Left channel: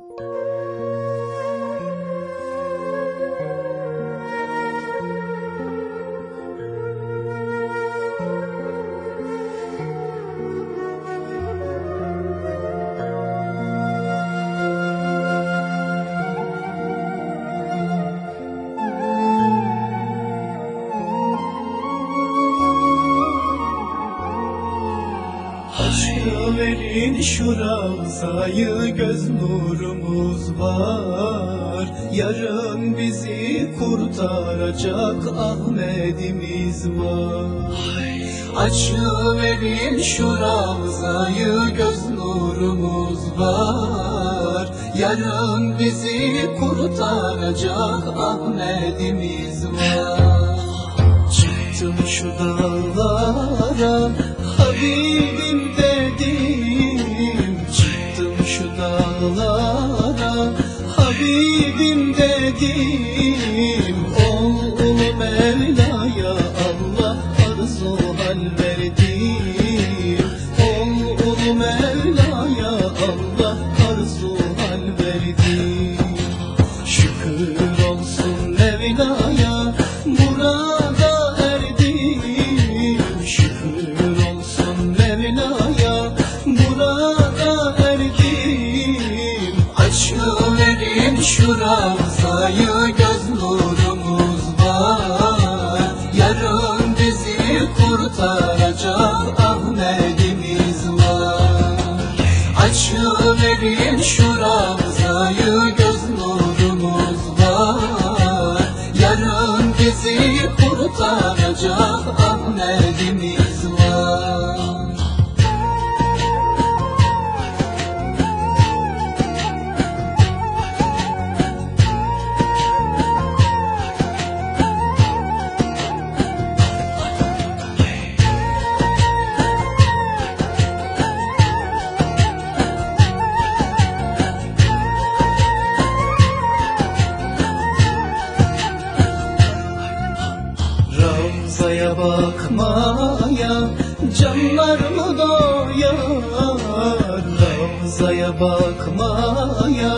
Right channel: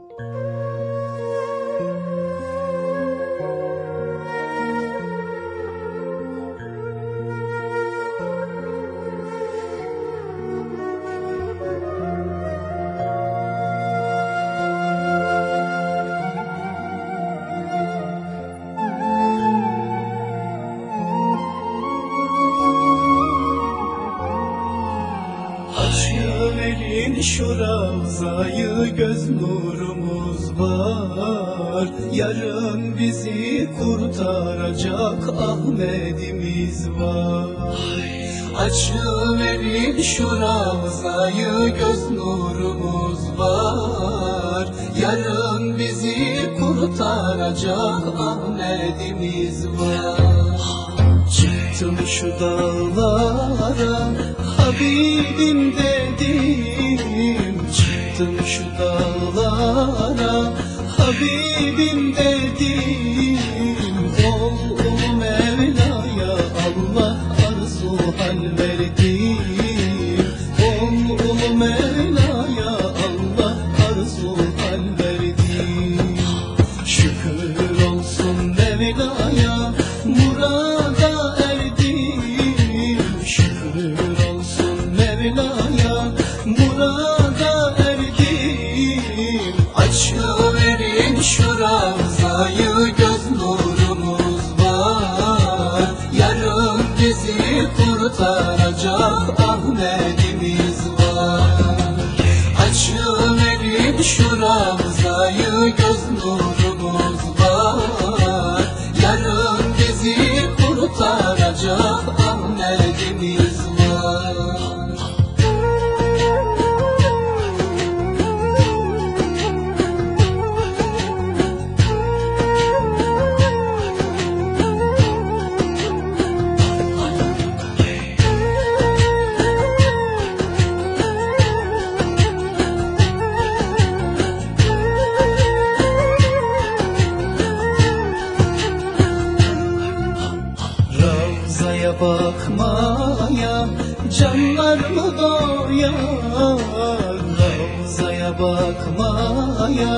Aşkı verin şu razayı göz nuru var. Yarın bizi kurtaracak Ahmet'imiz var. Açlı verin şuramızayı göz nurumuz var. Yarın bizi kurtaracak Ahmet'imiz var. Çıktım şu dağlara you. Manzaya bakmaya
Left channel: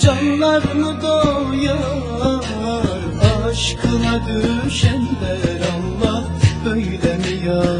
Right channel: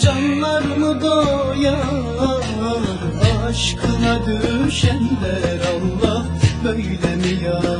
Canlar doyar Aşkına düşenler Allah böyle mi yar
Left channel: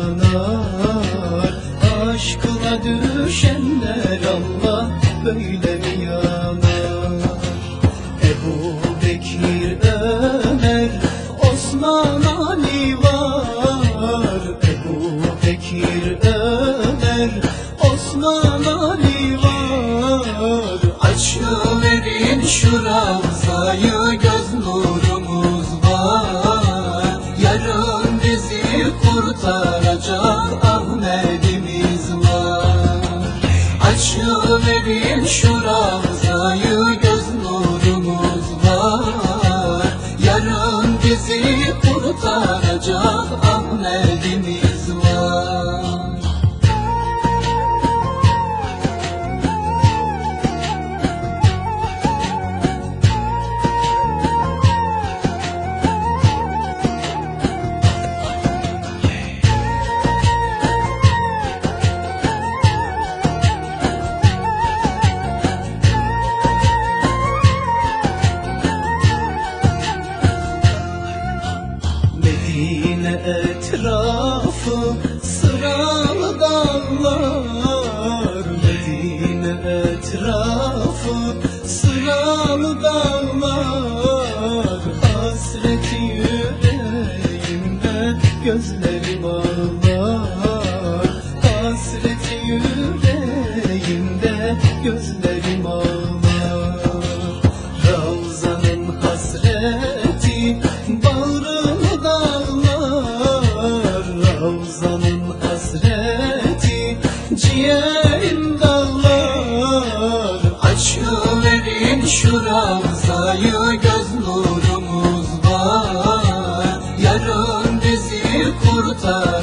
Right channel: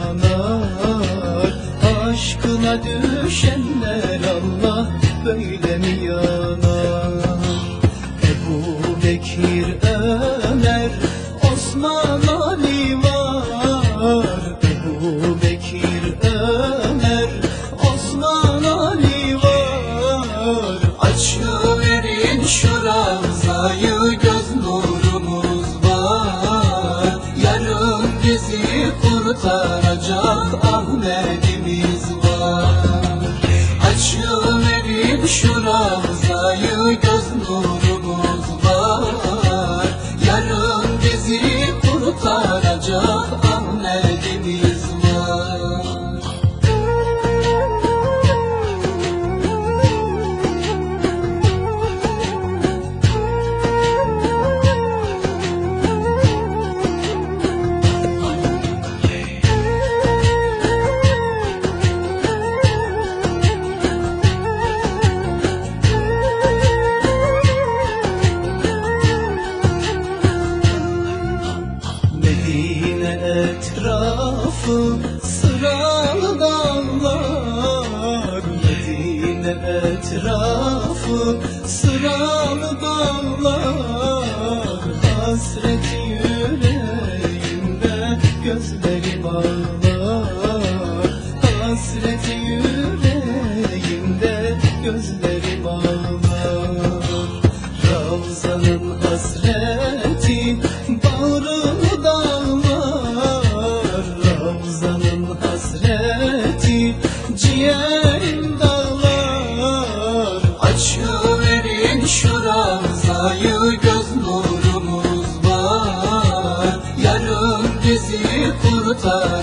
sun.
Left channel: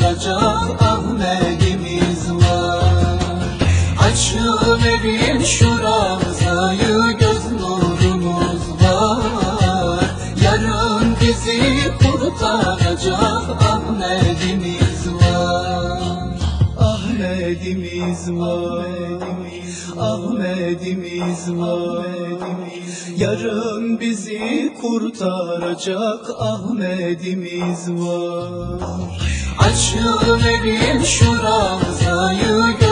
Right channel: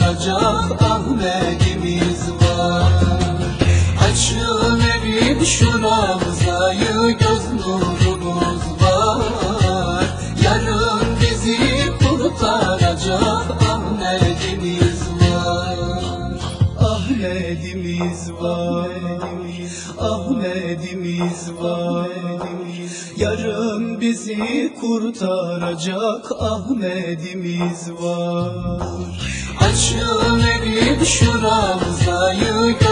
Ahmet'imiz var Ahmet'imiz var. Yarın bizi kurtaracak Ahmet'imiz var. Açıl benim şuramıza yürü